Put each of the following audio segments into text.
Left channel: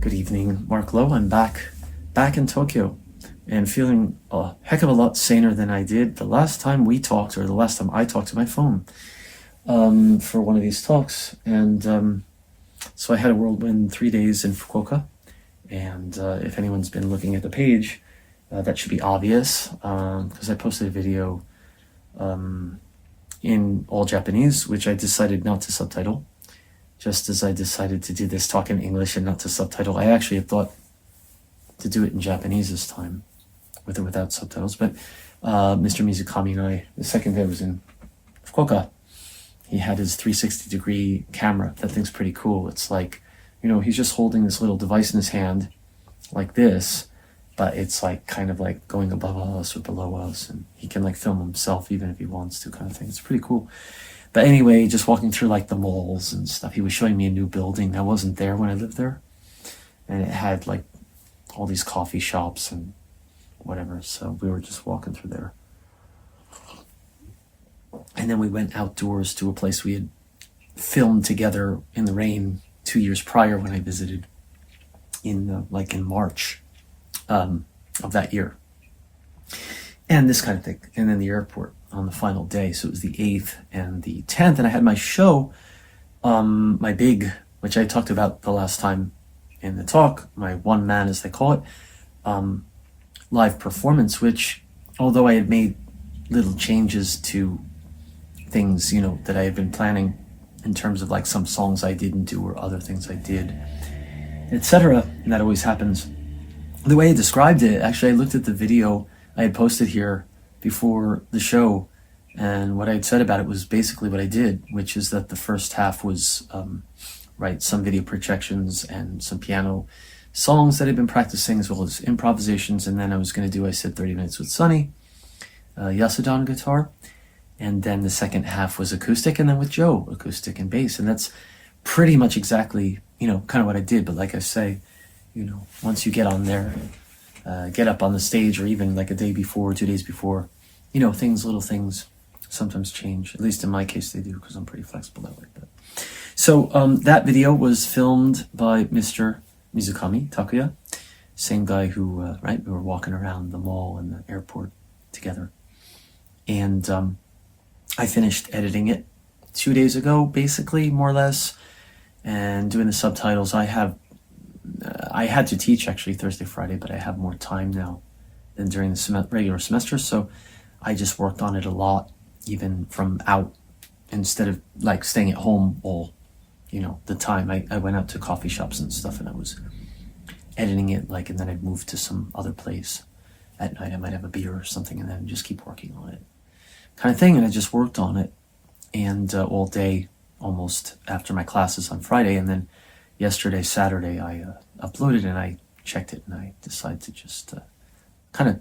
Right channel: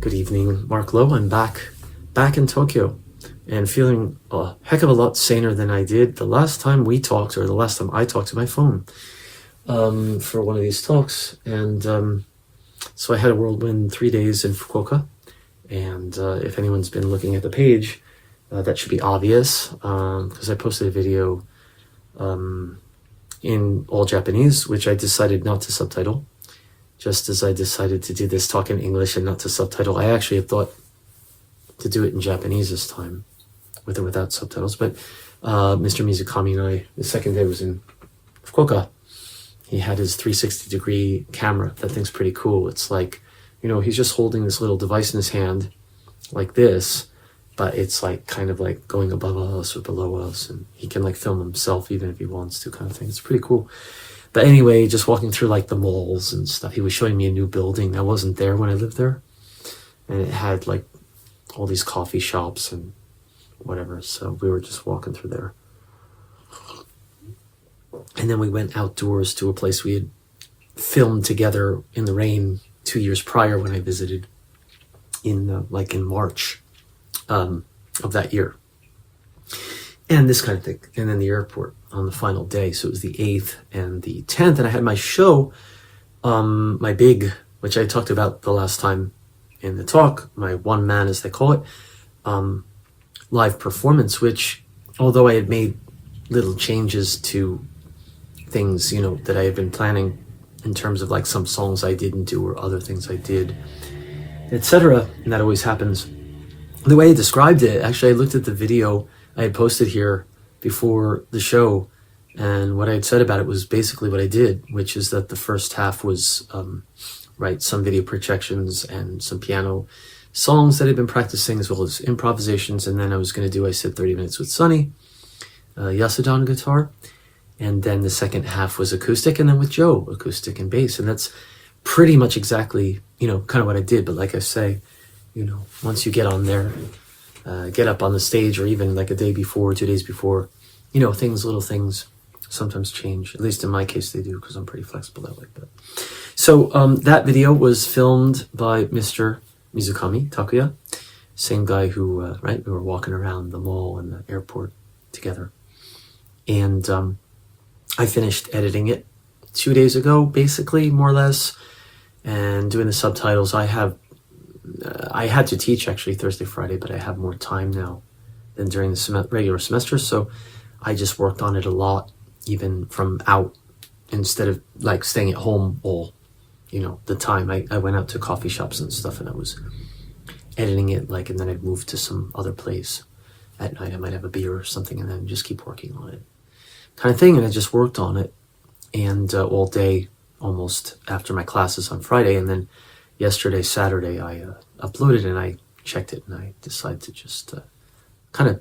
Good evening, Marc Lowe. I'm back in Tokyo and feeling a heck of a lot saner than I did the last time we talked, or the last time I talked to my phone for one of these talks. And so I had a whirlwind 3 days in Fukuoka. And if anyone's been looking at the page, that should be obvious because I posted a video in all Japanese, which I decided not to subtitle. Just as I decided to do this talk in English and not to subtitle. I actually had thought to do it in Japanese this time, with or without subtitles. But Mr. Mizukami and I, the second day was in Fukuoka. He had his 360-degree camera. That thing's pretty cool. It's like, he's just holding this little device in his hand, like this, but it's like kind of like going above us or below us, and he can like film himself even if he wants to, kind of thing. It's pretty cool. But anyway, just walking through like the malls and stuff. He was showing me a new building that wasn't there when I lived there. And it had like all these coffee shops and whatever. So we were just walking through there. And then we went outdoors to a place we had filmed together in the rain 2 years prior when I visited in March of that year. And this kind of thing. And then the airport on the final day. So it was the 8th and the 10th. And I had my show, my big, which I talked about the last time in the talk, my one man, as they call it, live performance, which, although I had made little changes to things, that I had been planning in terms of like some songs I didn't do or other things I did, etc. And that always happens. The way I described it, actually, I looked at the video I had posted here before the show, and what I had said about it was basically what I did, which is that the first half was some video projections and some piano songs that I'd been practicing, as well as improvisations. And then I was going to do, I said, 30 minutes with Sunny, Yasuda on guitar, and then the second half was acoustic, and then with Joe, acoustic and bass. And that's pretty much exactly kind of what I did. But like I say, once you get on there, get up on the stage, or even like a day before, 2 days before, little things sometimes change. At least in my case they do, because I'm pretty flexible that way. But so that video was filmed by Mr. Mizukami Takuya, same guy who we were walking around the mall and the airport together. And I finished editing it 2 days ago, basically, more or less, and doing the subtitles. I had to teach actually Thursday, Friday, but I have more time now than during the regular semester. So I just worked on it a lot, even from out, instead of like staying at home all, the time. I went out to coffee shops and stuff, and I was editing it, and then I'd move to some other place at night. I might have a beer or something, and then just keep working on it, kind of thing. And I just worked on it, and all day, almost, after my classes on Friday. And then yesterday, Saturday, I uploaded and I checked it, and I decided to just kind of,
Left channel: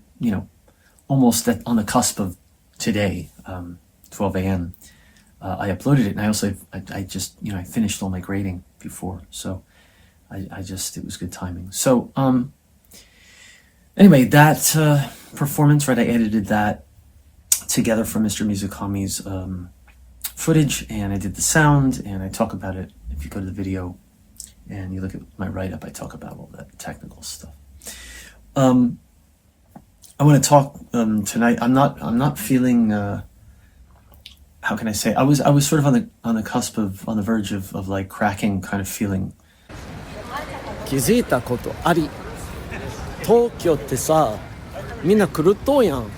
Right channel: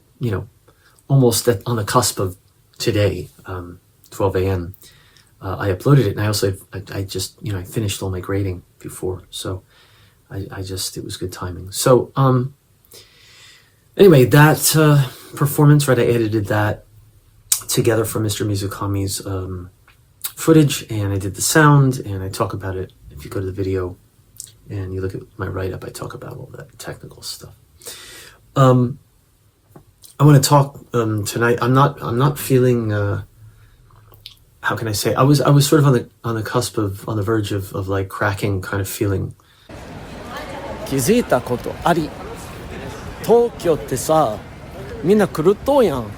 almost on the cusp of today, 12 a.m., I uploaded it. And I also, I just, I finished all my grading before. So it was good timing. So anyway, that performance, I edited that together from Mr. Mizukami's footage, and I did the sound, and I talk about it. If you go to the video and you look at my write-up, I talk about all that technical stuff. I want to talk tonight. I'm not feeling. How can I say? I was sort of on the cusp of, on the verge of like cracking kind of feeling. 気づいたことあり。東京ってさ、みんな狂っとうやん。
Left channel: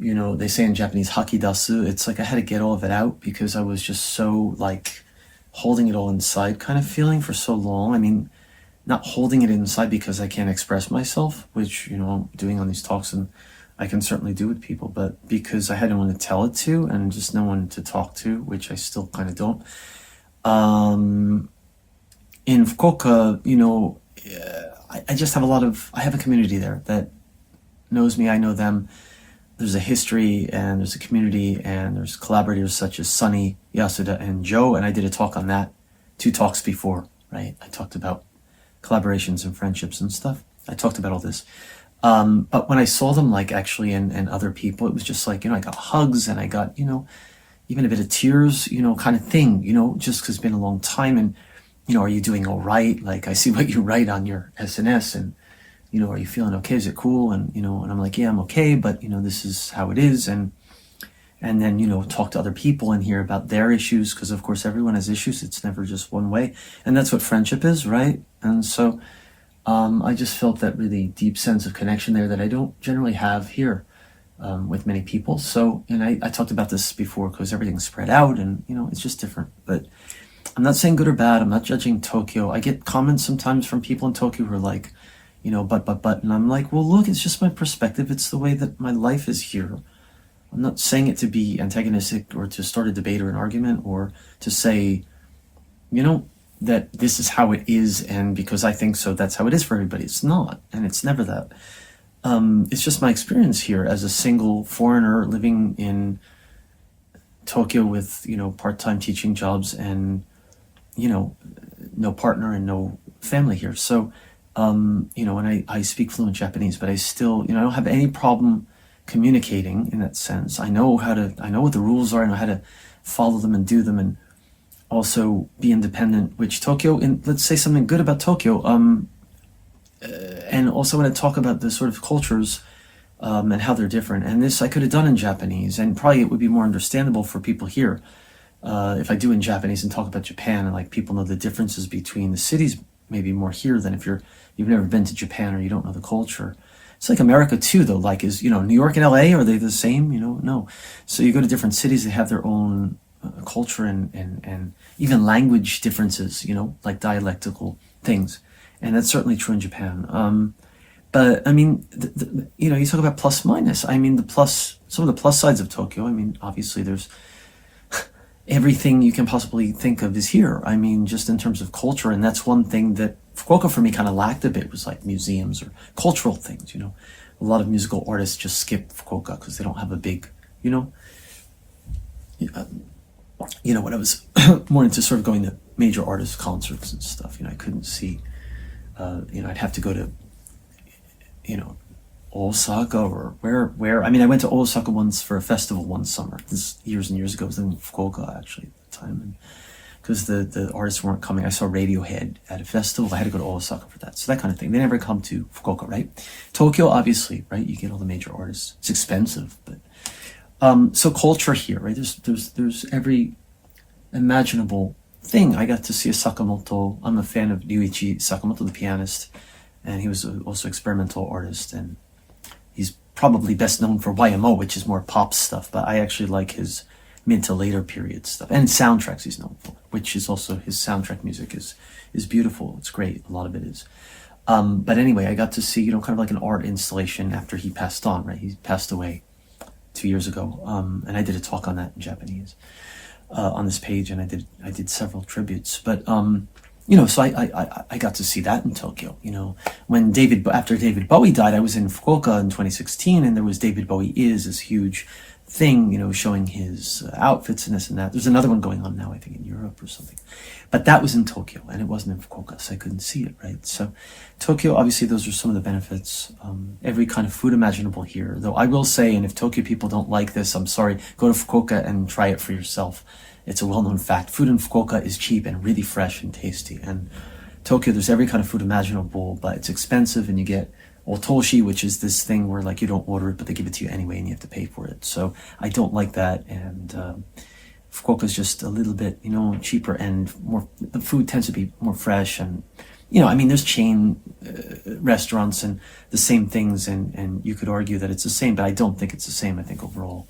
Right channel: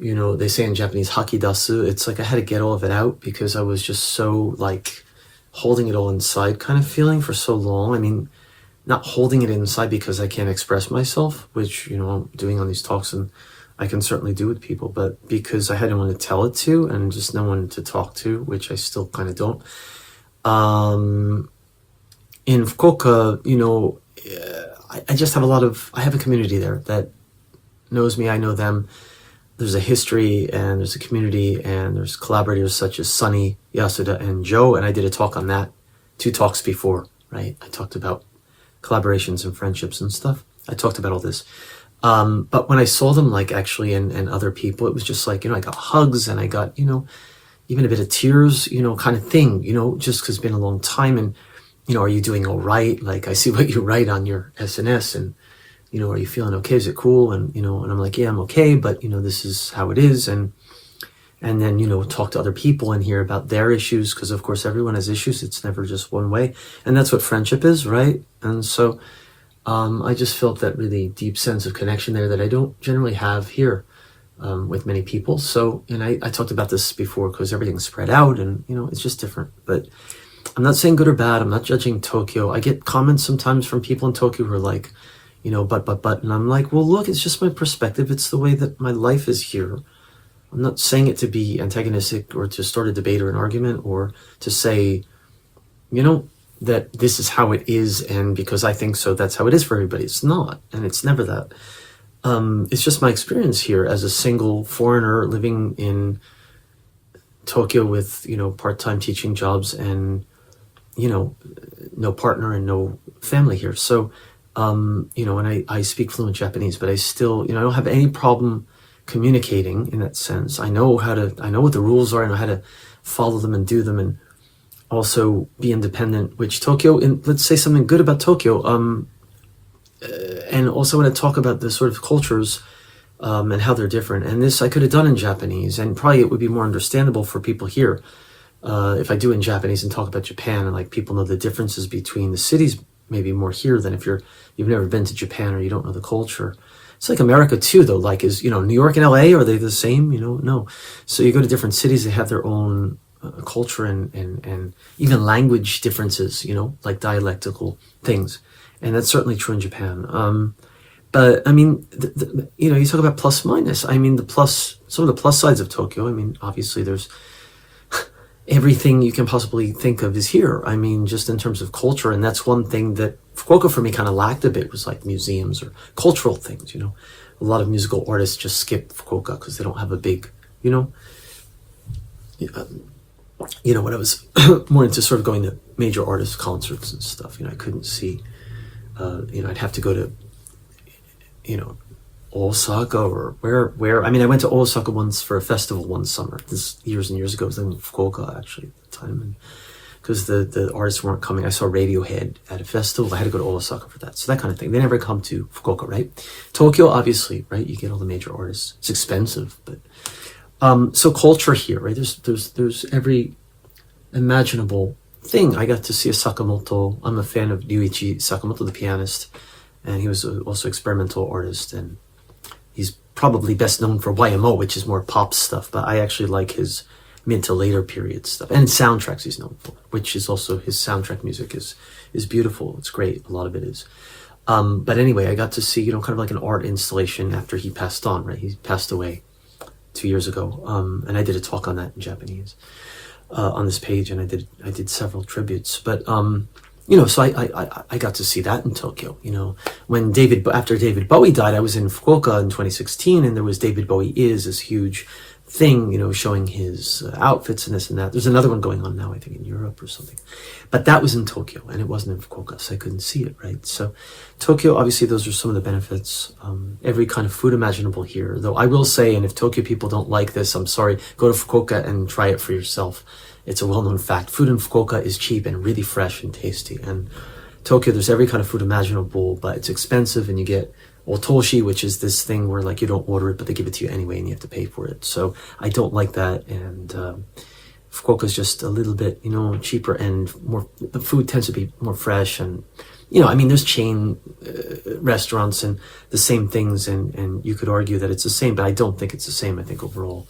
They say in Japanese, hakidasu. It's like I had to get all of it out because I was just so like holding it all inside kind of feeling for so long. I mean, not holding it inside because I can't express myself, which, I'm doing on these talks, and I can certainly do with people, but because I had no one to tell it to and just no one to talk to, which I still kind of don't. In Fukuoka, I just have I have a community there that knows me, I know them. There's a history, and there's a community, and there's collaborators such as Sunny, Yasuda, and Joe, and I did a talk on that 2 talks before, right? I talked about collaborations and friendships and stuff. I talked about all this. But when I saw them, like, actually, and other people, it was just like, I got hugs, and I got, even a bit of tears, kind of thing, just because it's been a long time. And are you doing all right? Like, I see what you write on your SNS, and, are you feeling okay? Is it cool? And, and I'm like, yeah, I'm okay, but, this is how it is. And then, talk to other people and hear about their issues, because of course everyone has issues. It's never just one way. And that's what friendship is, right? And so I just felt that really deep sense of connection there that I don't generally have here with many people. So, and I talked about this before, because everything's spread out and, it's just different. But I'm not saying good or bad. I'm not judging Tokyo. I get comments sometimes from people in Tokyo who are like, but. And I'm like, well, look, it's just my perspective. It's the way that my life is here. I'm not saying it to be antagonistic or to start a debate or an argument or to say, that this is how it is, and because I think so, that's how it is for everybody. It's not, and it's never that. It's just my experience here as a single foreigner living in Tokyo with, part-time teaching jobs and, no partner and no family here. So, and I speak fluent Japanese, but I still, I don't have any problem communicating in that sense. I know what the rules are. I know how to follow them and do them, and also be independent, which Tokyo, and let's say something good about Tokyo, and also when I talk about the sort of cultures and how they're different, and this I could have done in Japanese, and probably it would be more understandable for people here if I do in Japanese and talk about Japan, and like people know the differences between the cities maybe more here than if you've never been to Japan or you don't know the culture. It's like America too, though. Like, is New York and LA, are they the same? No. So you go to different cities, they have their own culture and even language differences, like dialectical things, and that's certainly true in Japan. But I mean, you talk about plus minus. I mean, some of the plus sides of Tokyo. I mean, obviously there's everything you can possibly think of is here. I mean, just in terms of culture, and that's one thing that Fukuoka for me kind of lacked a bit, was like museums or cultural things. A lot of musical artists just skip Fukuoka because they don't have a big, when I was more into sort of going to major artist concerts and stuff, I couldn't see, I'd have to go to, Osaka or where. I mean, I went to Osaka once for a festival one summer. This years and years ago. I was in Fukuoka actually at the time, and because the artists weren't coming. I saw Radiohead at a festival. I had to go to Osaka for that. So that kind of thing. They never come to Fukuoka, right? Tokyo, obviously, right? You get all the major artists. It's expensive, but so culture here, right? There's every imaginable thing. I got to see a Sakamoto. I'm a fan of Ryuichi Sakamoto, the pianist, and he was also experimental artist, and he's probably best known for YMO, which is more pop stuff, but I actually like his mid to later period stuff, and soundtracks he's known for, which is also his soundtrack music is beautiful. It's great. A lot of it is. But anyway, I got to see, kind of like an art installation after he passed on, right? He passed away 2 years ago. And I did a talk on that in Japanese, on this page, and I did several tributes, but, so I got to see that in Tokyo, when after David Bowie died, I was in Fukuoka in 2016, and there was David Bowie Is this huge thing, showing his outfits and this and that. There's another one going on now, I think in Europe or something, but that was in Tokyo and it wasn't in Fukuoka, so I couldn't see it, right? So Tokyo, obviously those are some of the benefits. Every kind of food imaginable here, though I will say, and if Tokyo people don't like this, I'm sorry, go to Fukuoka and try it for yourself. It's a well-known fact. Food in Fukuoka is cheap and really fresh and tasty, and Tokyo, there's every kind of food imaginable, but it's expensive, and you get otoshi, which is this thing where like you don't order it, but they give it to you anyway, and you have to pay for it. So I don't like that, and Fukuoka is just a little bit, cheaper and more. The food tends to be more fresh, and I mean, there's chain restaurants and the same things, and you could argue that it's the same, but I don't think it's the same. I think overall,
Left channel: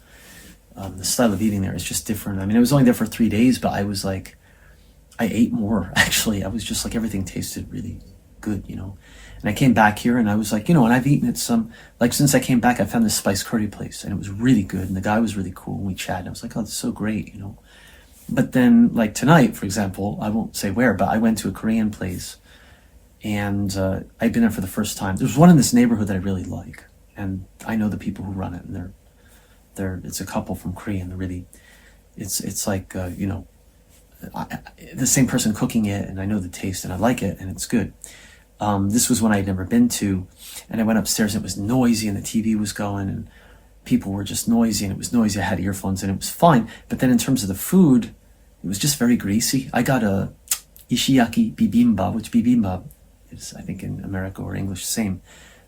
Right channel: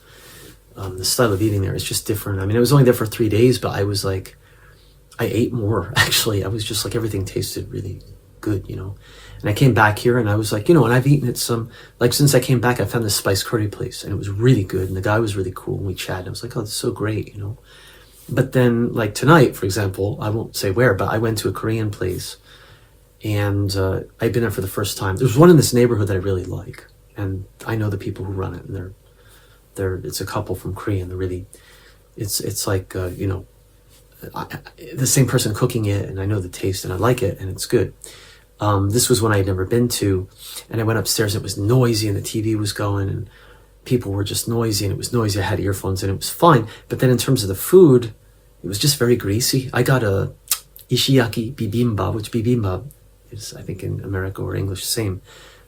the style of eating there is just different. I mean, I was only there for 3 days, but I was like, I ate more actually. I was just like, everything tasted really good, And I came back here and I was like, and I've eaten at some, like since I came back, I found this spice curry place and it was really good. And the guy was really cool and we chatted. I was like, oh, this is so great, But then like tonight, for example, I won't say where, but I went to a Korean place and I'd been there for the first time. There's one in this neighborhood that I really like. And I know the people who run it, and it's a couple from Korea, and they're really, it's like, the same person cooking it, and I know the taste and I like it and it's good. This was one I had never been to, and I went upstairs and it was noisy and the TV was going and people were just noisy and it was noisy. I had earphones and it was fine. But then in terms of the food, it was just very greasy. I got ishiyaki bibimbap, which bibimbap is, I think, in America or English, same.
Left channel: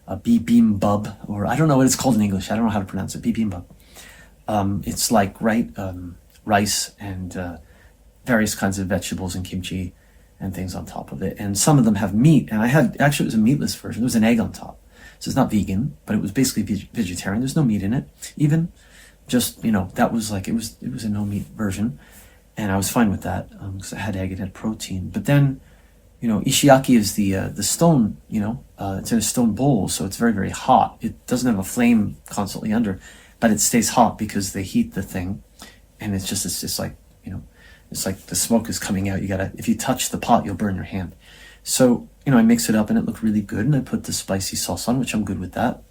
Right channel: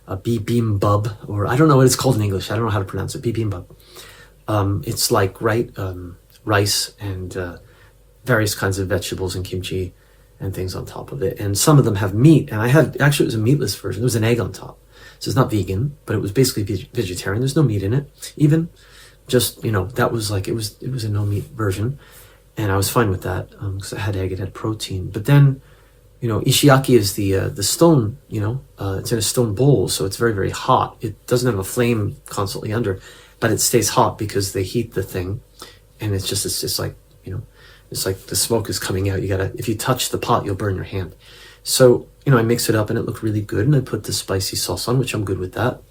Bibimbap, or I don't know what it's called in English. I don't know how to pronounce it. Bibimbap. It's like, rice and various kinds of vegetables and kimchi and things on top of it. And some of them have meat. And actually, it was a meatless version. There was an egg on top. So it's not vegan, but it was basically vegetarian. There's no meat in it, even. Just, that was like, it was a no meat version. And I was fine with that because it had egg, it had protein. But then, ishiyaki is the stone, it's in a stone bowl. So it's very, very hot. It doesn't have a flame constantly under, but it stays hot because they heat the thing. And it's just like, it's like the smoke is coming out. If you touch the pot, you'll burn your hand. So, I mix it up and it looked really good. And I put the spicy sauce on, which I'm good with that.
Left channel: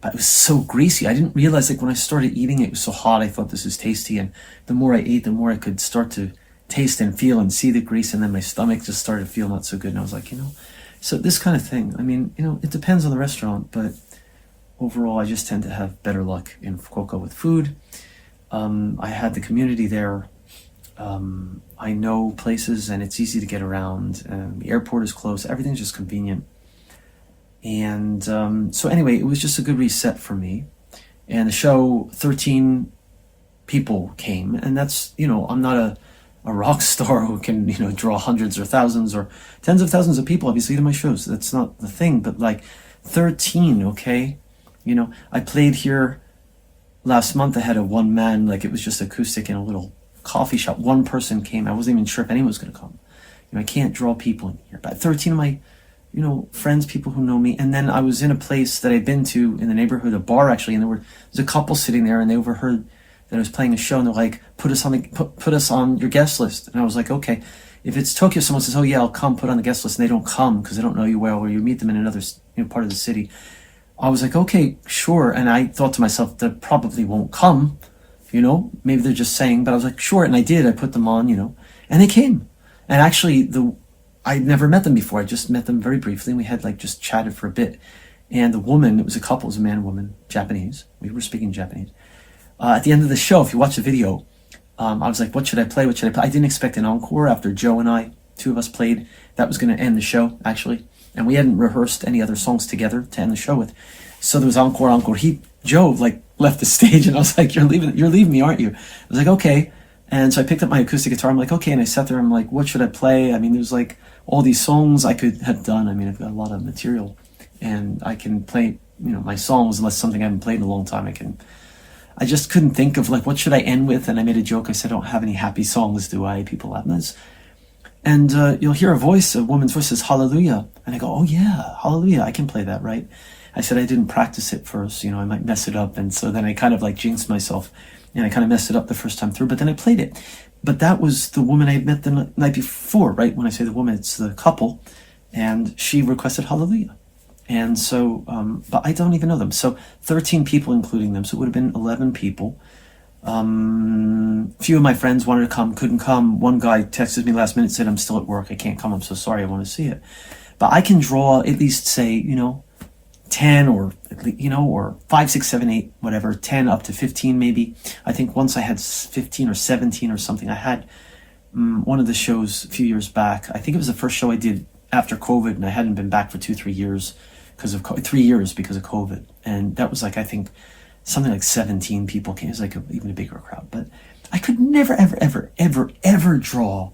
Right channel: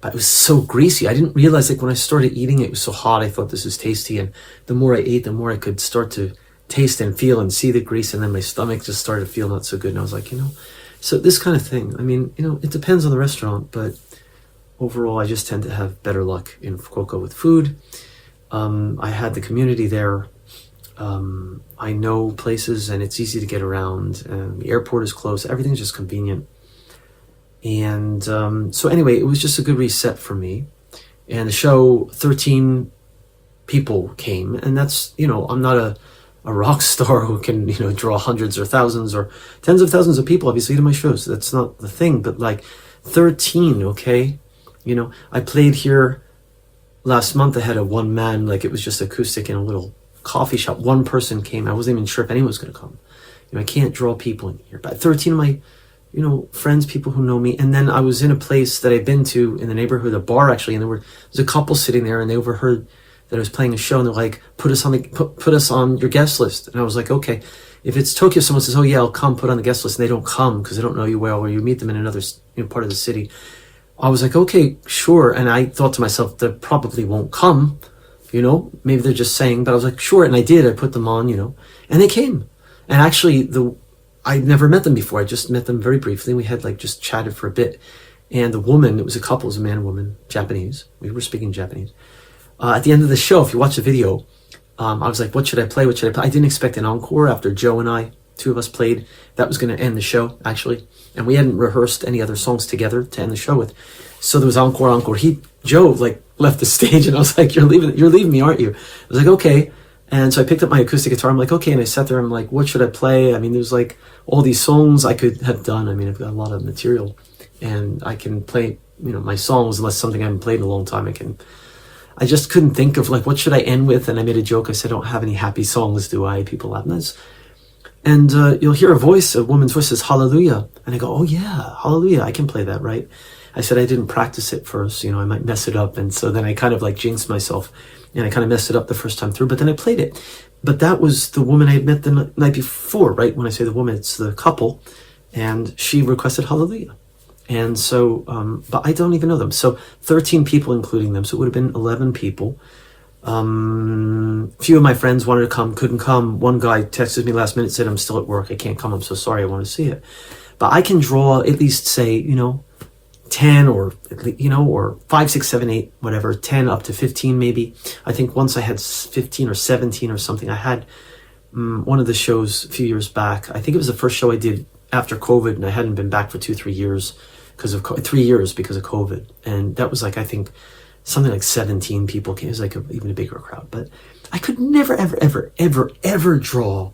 But it was so greasy. I didn't realize, when I started eating it was so hot. I thought this is tasty. And the more I ate, the more I could start to taste and feel and see the grease. And then my stomach just started to feel not so good. And I was like, so this kind of thing. I mean, it depends on the restaurant. But overall, I just tend to have better luck in Fukuoka with food. I had the community there. I know places and it's easy to get around. The airport is close. Everything's just convenient. And so anyway, it was just a good reset for me. And the show, 13 people came. And that's, I'm not a rock star who can, draw hundreds or thousands or tens of thousands of people, obviously, to my shows. That's not the thing. But 13, okay? I played here last month. I had a one-man, it was just acoustic in a little coffee shop. One person came. I wasn't even sure if anyone was going to come. I can't draw people in here. But 13 of my, friends, people who know me. And then I was in a place that I'd been to in the neighborhood, a bar actually, and there was a couple sitting there, and they overheard that I was playing a show, and they're like, put us on your guest list. And I was like, okay. If it's Tokyo, someone says, oh yeah, I'll come put on the guest list, and they don't come because they don't know you well, or you meet them in another part of the city. I was like, okay, sure. And I thought to myself, they probably won't come. Maybe they're just saying, but I was like, sure. And I did, I put them on, and they came. And actually I'd never met them before. I just met them very briefly. We had just chatted for a bit. And the woman, it was a couple, it was a man and woman, Japanese. We were speaking Japanese. At the end of the show, if you watch the video, I was like, what should I play? I didn't expect an encore after Joe and I, two of us played. That was going to end the show, actually. And we hadn't rehearsed any other songs together to end the show with. So there was encore. Joe left the stage, and I was like, you're leaving me, aren't you? I was like, okay. And so I picked up my acoustic guitar. I'm like, okay. And I sat there. I'm like, what should I play? I mean, there's all these songs I could have done. I mean, I've got a lot of material, and I can play, my songs, unless something I haven't played in a long time. I just couldn't think of what should I end with. And I made a joke. I said, I don't have any happy songs, do I? People laugh. And you'll hear a woman's voice says, hallelujah. And I go, oh yeah, hallelujah. I can play that, right? I said I didn't practice it first, I might mess it up. And so then I kind of jinxed myself, and I kind of messed it up the first time through, but then I played it. But that was the woman I had met the night before, right? When I say the woman, it's the couple, and she requested hallelujah. And so, but I don't even know them. So 13 people, including them. So it would have been 11 people. Few of my friends wanted to come, couldn't come. One guy texted me last minute, said, I'm still at work. I can't come. I'm so sorry. I want to see it. But I can draw at least say, 10 or 5, 6, 7, 8, whatever, 10 up to 15 maybe. I think once I had 15 or 17 or something. I had one of the shows a few years back. I think it was the first show I did after COVID, and I hadn't been back for 2-3 years because of 3 years because of COVID. And that was I think something like 17 people came. It was even a bigger crowd. But I could never, ever, ever, ever, ever draw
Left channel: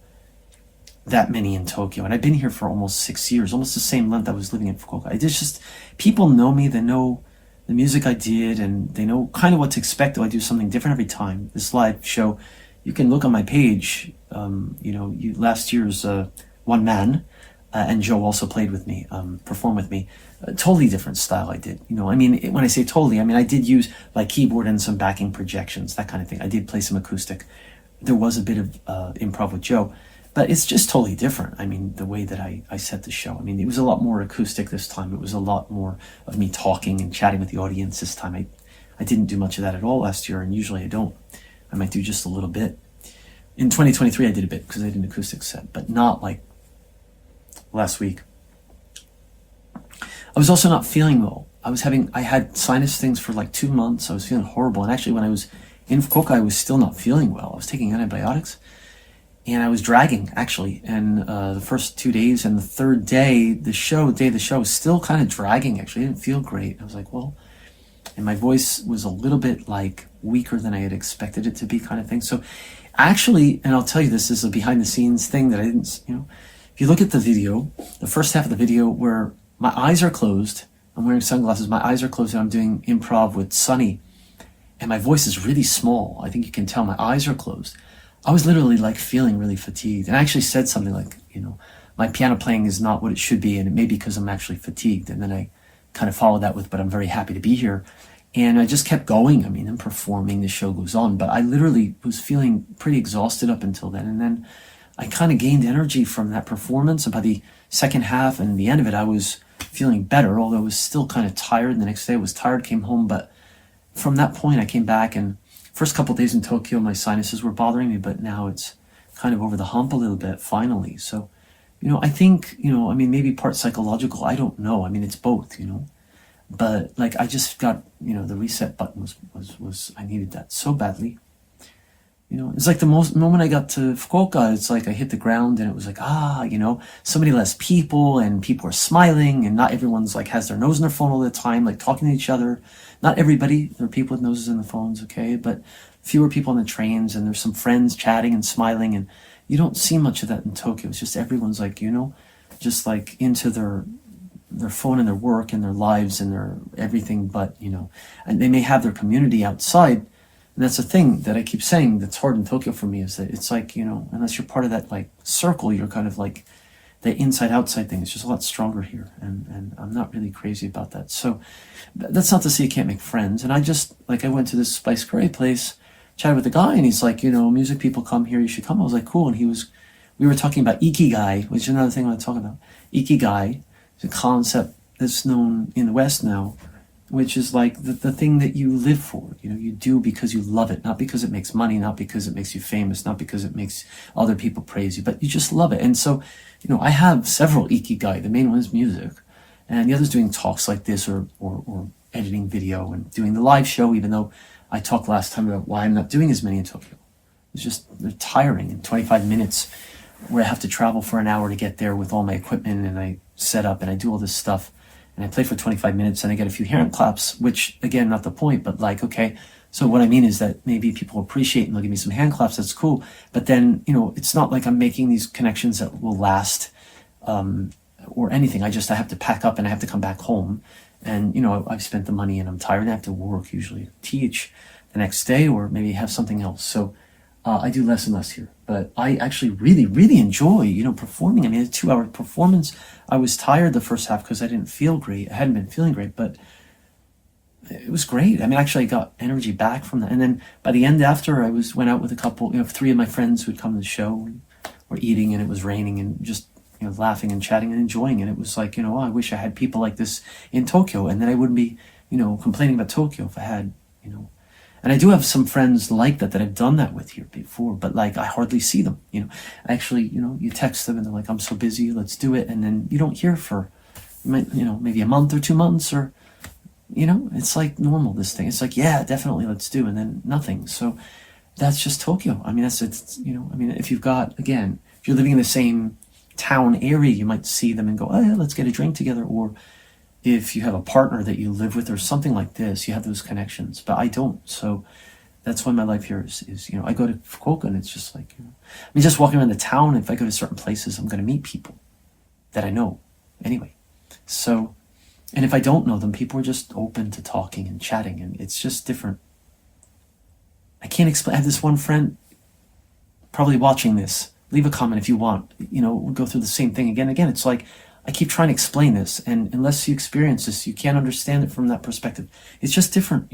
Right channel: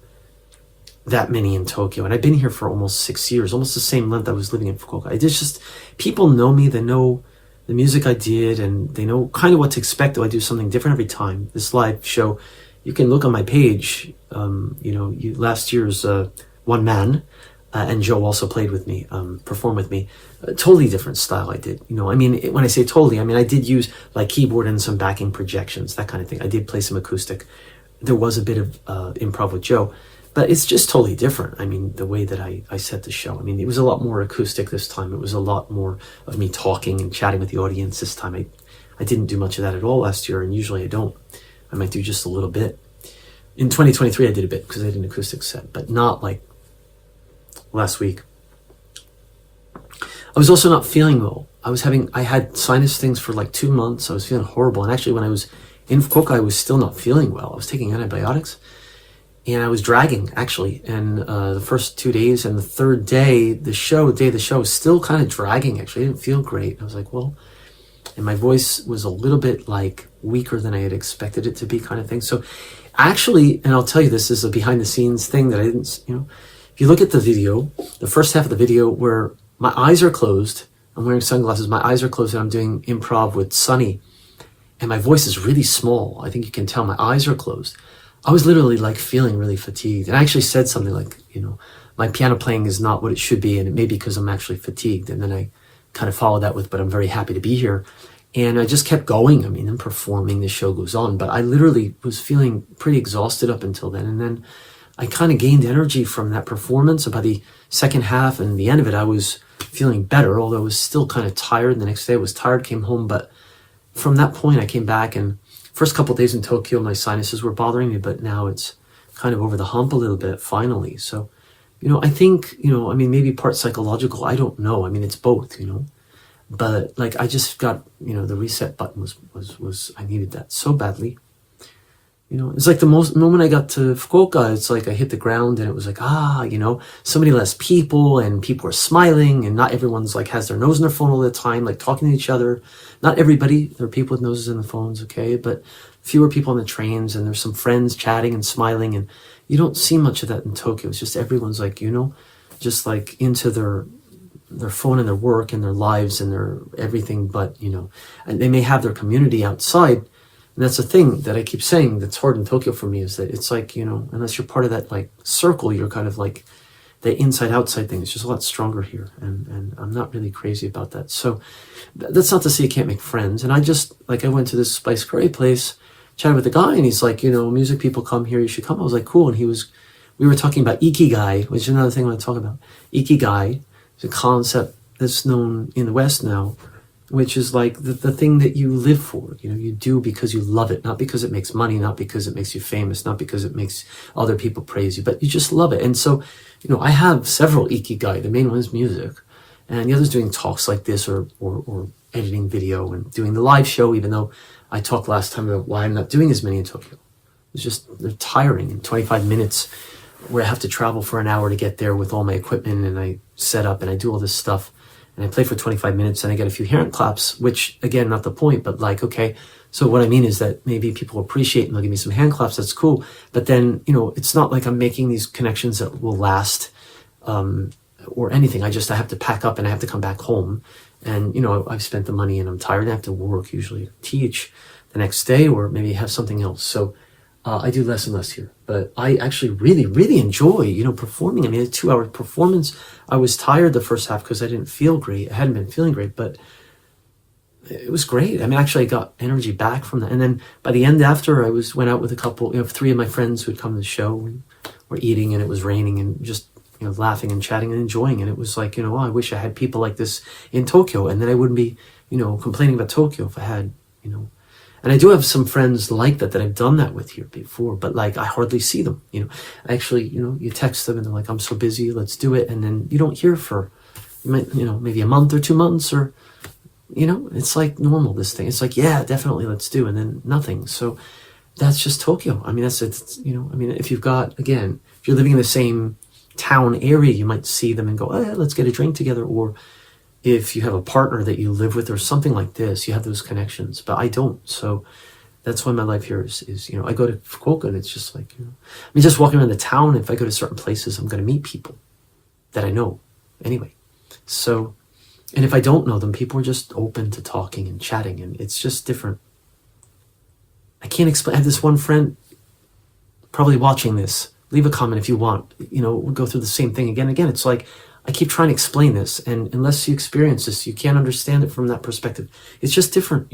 that many in Tokyo. And I've been here for almost 6 years, almost the same length I was living in Fukuoka. It's just, people know me, they know the music I did, and they know kind of what to expect, though I do something different every time. This live show, you can look on my page, last year's One Man, and Joe also played with me, performed with me. A totally different style I did. When I say totally, I did use keyboard and some backing projections, that kind of thing. I did play some acoustic. There was a bit of improv with Joe. But it's just totally different. The way that I set the show. It was a lot more acoustic this time. It was a lot more of me talking and chatting with the audience this time. I didn't do much of that at all last year, and usually I don't. I might do just a little bit. In 2023, I did a bit because I did an acoustic set, but not like last week. I was also not feeling well. I had sinus things for 2 months. I was feeling horrible. And actually, when I was in Fukuoka, I was still not feeling well. I was taking antibiotics. and I was dragging actually. And the first 2 days and the third day, the show was still kind of dragging actually. I didn't feel great. I was like, well, and my voice was a little bit like weaker than I had expected it to be, kind of thing. So actually, and I'll tell you, this is a behind the scenes thing that I didn't, if you look at the video, the first half of the video where my eyes are closed, I'm wearing sunglasses, my eyes are closed, and I'm doing improv with Sunny, and my voice is really small. I think you can tell my eyes are closed. I was literally like feeling really fatigued. And I actually said something like, my piano playing is not what it should be, and it may be because I'm actually fatigued. And then I kind of followed that with, but I'm very happy to be here. And I just kept going. I mean, I'm performing, the show goes on, but I literally was feeling pretty exhausted up until then. And then I kind of gained energy from that performance. And by the second half and the end of it, I was feeling better, although I was still kind of tired. And the next day I was tired, came home. But from that point, I came back, and first couple of days in Tokyo, my sinuses were bothering me, but now it's kind of over the hump a little bit, finally. So, I think, maybe part psychological, I don't know. I mean, it's both, but like, I just got, the reset button was I needed that so badly. It's like the moment I got to Fukuoka, it's like I hit the ground and it was like, so many less people, and people are smiling, and not everyone's like has their nose in their phone all the time, like talking to each other. Not everybody, there are people with noses in the phones, okay, but fewer people on the trains, and there's some friends chatting and smiling, and you don't see much of that in Tokyo. It's just everyone's like, just like into their phone and their work and their lives and their everything, but, and they may have their community outside. And that's the thing that I keep saying that's hard in Tokyo for me, is that it's like, unless you're part of that like circle, you're kind of like the inside outside thing. It's just a lot stronger here. And I'm not really crazy about that. So that's not to say you can't make friends. And I went to this spice curry place, chatted with a guy, and he's like, music people come here, you should come. I was like, cool. And we were talking about Ikigai, which is another thing I want to talk about. Ikigai is a concept that's known in the West now, which is like the thing that you live for. You do because you love it, not because it makes money, not because it makes you famous, not because it makes other people praise you, but you just love it. And so, I have several Ikigai. The main one is music, and the other's doing talks like this, or editing video and doing the live show, even though I talked last time about why I'm not doing as many in Tokyo. It's just, they're tiring. In 25 minutes, where I have to travel for an hour to get there with all my equipment, and I set up and I do all this stuff, and I play for 25 minutes and I get a few hand claps, which again, not the point, but like, okay, so what I mean is that maybe people appreciate and they'll give me some hand claps, that's cool. But then, it's not like I'm making these connections that will last, or anything. I have to pack up and I have to come back home. And, I've spent the money and I'm tired and I have to work, usually teach the next day, or maybe have something else. So I do less and less here, but I actually really, really enjoy, performing. I mean, a 2-hour performance. I was tired the first half because I didn't feel great. I hadn't been feeling great, but it was great. I mean, actually I got energy back from that. And then by the end after, went out with a couple, 3 of my friends who had come to the show, and we're eating, and it was raining, and just, laughing and chatting and enjoying. And it was like, I wish I had people like this in Tokyo, and then I wouldn't be, complaining about Tokyo if I had, and I do have some friends like that I've done that with here before, but like, I hardly see them, actually, you text them and they're like, I'm so busy, let's do it. And then you don't hear for, maybe a month or 2 months, or, it's like normal, this thing. It's like, yeah, definitely, let's do. And then nothing. So that's just Tokyo. I mean, that's it. If you've got, again, if you're living in the same town area, you might see them and go, oh yeah, let's get a drink together. Or if you have a partner that you live with or something like this, you have those connections, but I don't. So that's why my life here is I go to Fukuoka, and it's just like, just walking around the town, if I go to certain places, I'm going to meet people that I know anyway. So, and if I don't know them, people are just open to talking and chatting, and it's just different. I can't explain. I have this one friend probably watching this. Leave a comment if you want. We'll go through the same thing again and again. It's like, I keep trying to explain this, and unless you experience this, you can't understand it from that perspective. It's just different,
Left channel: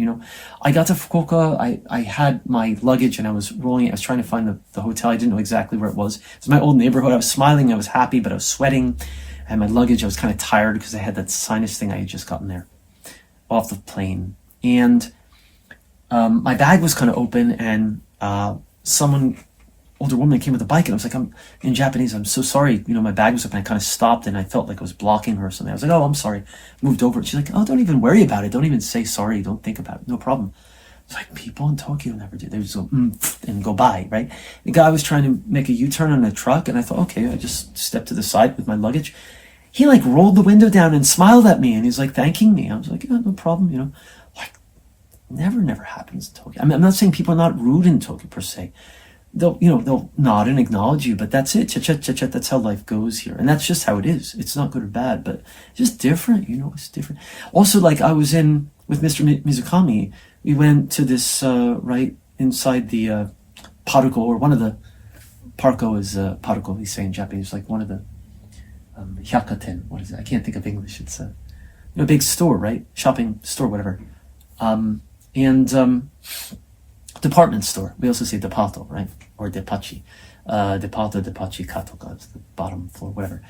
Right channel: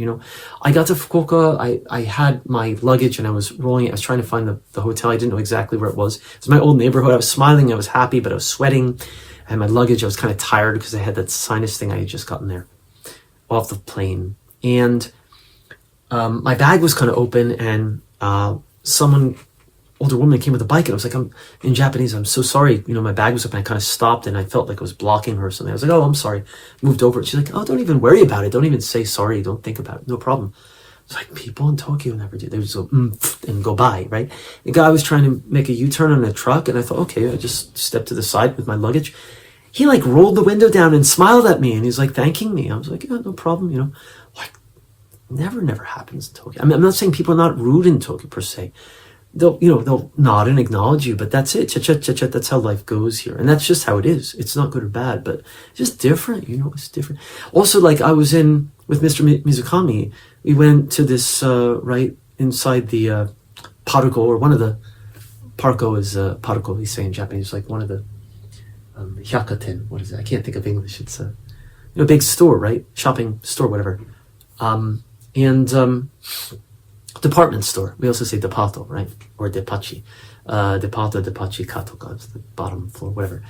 I got to Fukuoka, I had my luggage, and I was rolling it. I was trying to find the hotel. I didn't know exactly where it was. It was my old neighborhood. I was smiling, I was happy, but I was sweating. I had my luggage. I was kind of tired because I had that sinus thing I had just gotten there off the plane. And my bag was kind of open, and older woman came with a bike, and I was like, I'm in Japanese, I'm so sorry, my bag was up, and I kind of stopped, and I felt like I was blocking her or something. I was like, oh, I'm sorry. Moved over, and she's like, oh, don't even worry about it, don't even say sorry, don't think about it, no problem. It's like people in Tokyo never do. They just go and go by, right? The guy was trying to make a U-turn on a truck, and I thought, okay, I just stepped to the side with my luggage. He like rolled the window down and smiled at me, and he's like thanking me. I was like, yeah, no problem, you know. Like, never happens in Tokyo. I mean, I'm not saying people are not rude in Tokyo per se. They'll nod and acknowledge you, but that's it. Cha-cha. That's how life goes here, and that's just how it is. It's not good or bad, but just different. You know, it's different. Also, like I was in with Mr. Mizukami. We went to this right inside the Parco, or one of the Parco is Parco. We say in Japanese, like one of the hyakaten. What is it? I can't think of English. It's a big store, right? Shopping store, whatever. And department store. We also say depato, right? Or depachi. Depato, depachi, katoka is the bottom floor, whatever.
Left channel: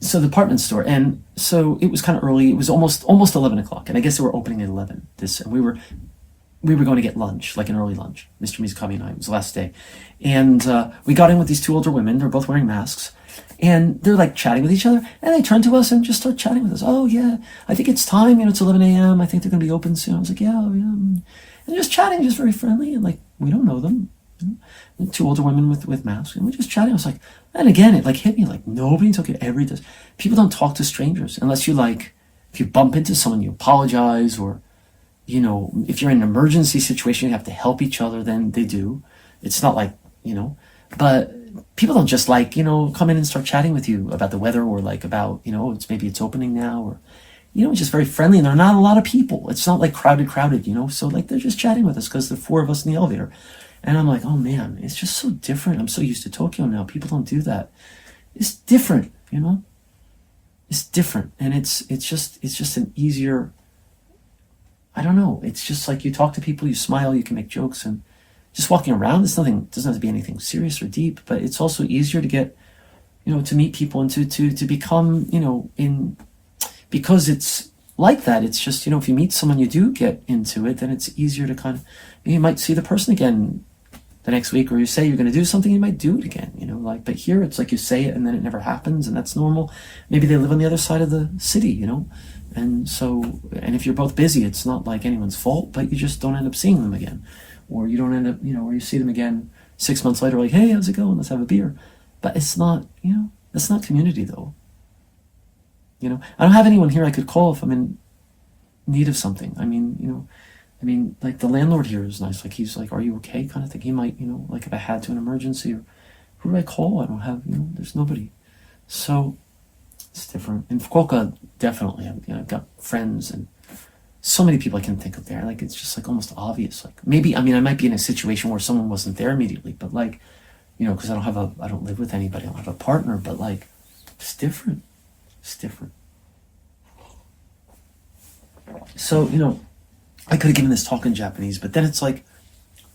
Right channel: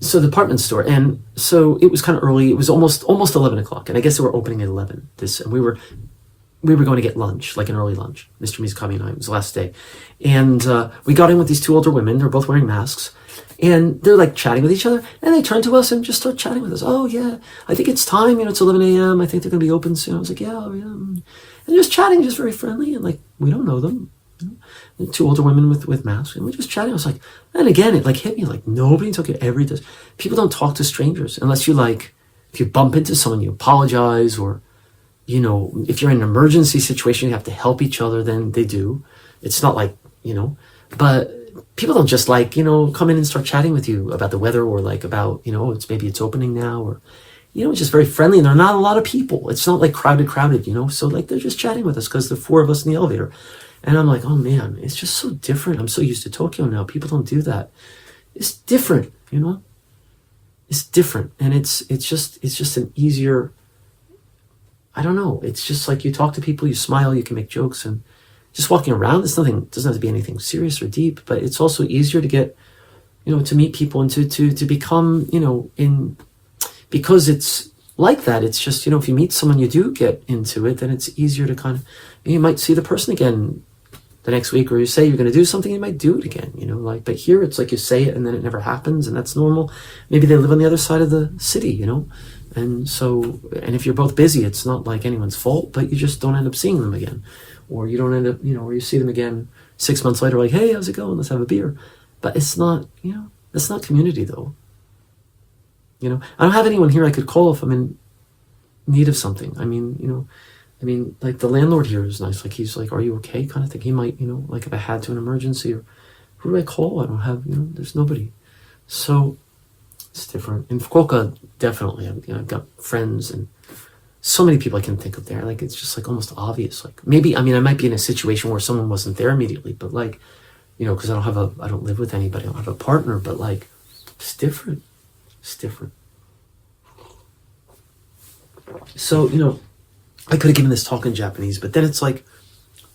So department store. And so it was kind of early. It was almost 11 o'clock. And I guess they were opening at 11. And we were going to get lunch, like an early lunch. Mr. Mizukami and I, it was the last day. And we got in with these two older women. They're both wearing masks. And they're like chatting with each other. And they turned to us and just start chatting with us. Oh, yeah, I think it's time. It's 11 a.m. I think they're going to be open soon. I was like, yeah. And just chatting, just very friendly. And like, we don't know them. The two older women with masks. And we're just chatting. I was like, and again, it like hit me like nobody in Tokyo ever does. People don't talk to strangers unless you like, if you bump into someone, you apologize, or, if you're in an emergency situation, you have to help each other, then they do. It's not like, but people don't just like, come in and start chatting with you about the weather, or like about, it's opening now, or, it's just very friendly, and there are not a lot of people. It's not like crowded, so like they're just chatting with us because there are four of us in the elevator. And I'm like, oh man, it's just so different. I'm so used to Tokyo now. People don't do that. It's different, It's different. And it's just an easier, I don't know. It's just like you talk to people, you smile, you can make jokes, and just walking around, doesn't have to be anything serious or deep, but it's also easier to get, to meet people and to become, because it's like that. It's just, if you meet someone, you do get into it, then it's easier to kind of, you might see the person again the next week, or you say you're going to do something, you might do it again, but here it's like you say it and then it never happens, and that's normal. Maybe they live on the other side of the city, and so, and if you're both busy, it's not like anyone's fault, but you just don't end up seeing them again. Or you don't end up, or you see them again 6 months later, like, hey, how's it going? Let's have a beer. But it's not, that's not community though. I don't have anyone here I could call if I'm in need of something. I mean, like the landlord here is nice. Like he's like, are you okay? Kind of thing. He might, like if I had to an emergency, or who do I call? I don't have, there's nobody. So it's different. In Fukuoka, definitely, I've got friends and so many people I can think of there. Like, it's just like almost obvious. Like maybe, I might be in a situation where someone wasn't there immediately, but like, because I don't live with anybody. I don't have a partner, but like, it's different. It's different. So, I could have given this talk in Japanese, but then it's like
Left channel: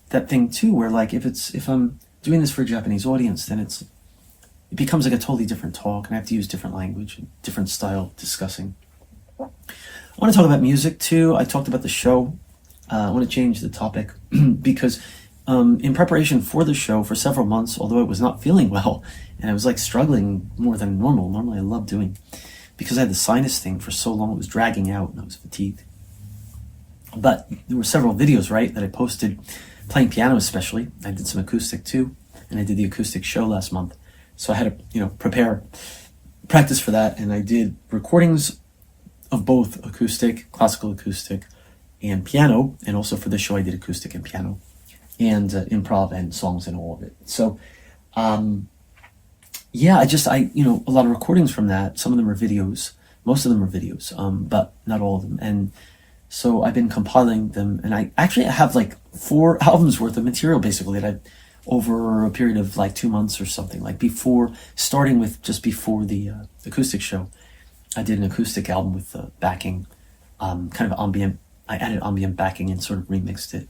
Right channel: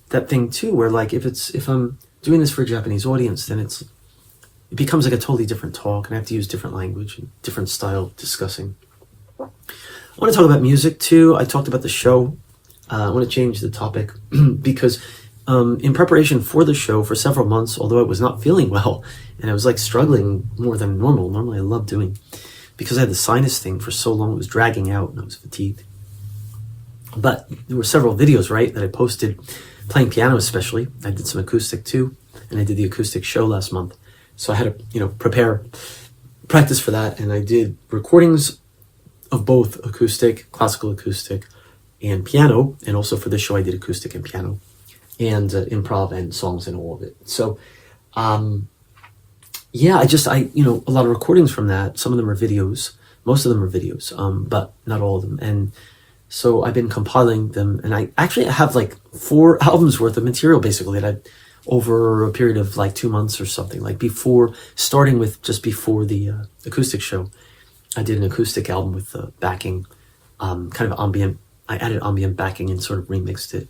that thing too, where like, if I'm doing this for a Japanese audience, then it becomes like a totally different talk, and I have to use different language and different style of discussing. I want to talk about music too. I talked about the show. I want to change the topic because in preparation for the show for several months, although I was not feeling well and I was like struggling more than normal. Normally I love doing, because I had the sinus thing for so long, it was dragging out and I was fatigued. But there were several videos, right, that I posted playing piano especially. I did some acoustic too, and I did the acoustic show last month. So I had to, practice for that, and I did recordings of both acoustic, classical acoustic, and piano, and also for this show I did acoustic and piano, and improv and songs and all of it. So, yeah, I a lot of recordings from that. Some of them are videos, most of them are videos, but not all of them. And so I've been compiling them, and I have like 4 albums worth of material basically that I've, over a period of like 2 months or something, like starting with just before the acoustic show. I did an acoustic album with backing, kind of ambient. I added ambient backing and sort of remixed it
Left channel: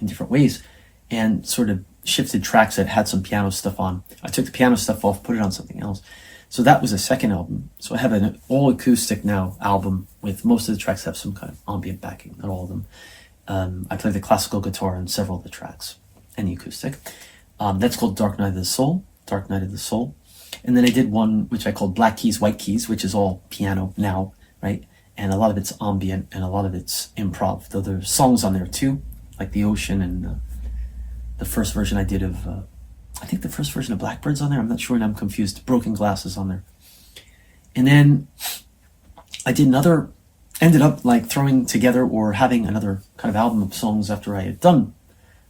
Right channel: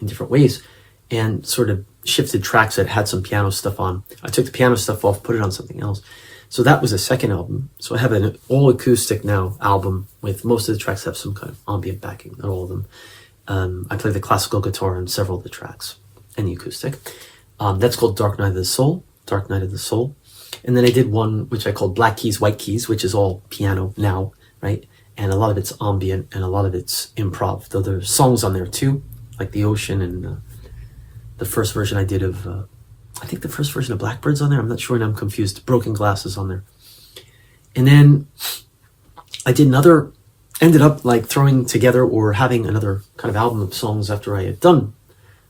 in different ways, and sort of shifted tracks that had some piano stuff on. I took the piano stuff off, put it on something else. So that was the second album. So I have an all acoustic now album with most of the tracks have some kind of ambient backing, not all of them. I play the classical guitar on several of the tracks, and the acoustic. That's called Dark Night of the Soul. And then I did one which I called Black Keys, White Keys, which is all piano now, right? and a lot of it's ambient and a lot of it's improv. Though there's songs on there too, like the ocean and the first version I did of, I think the first version of Blackbird's on there. I'm not sure, and I'm confused. Broken Glass is on there. And then I did another, ended up like throwing together or having another kind of album of songs after I had done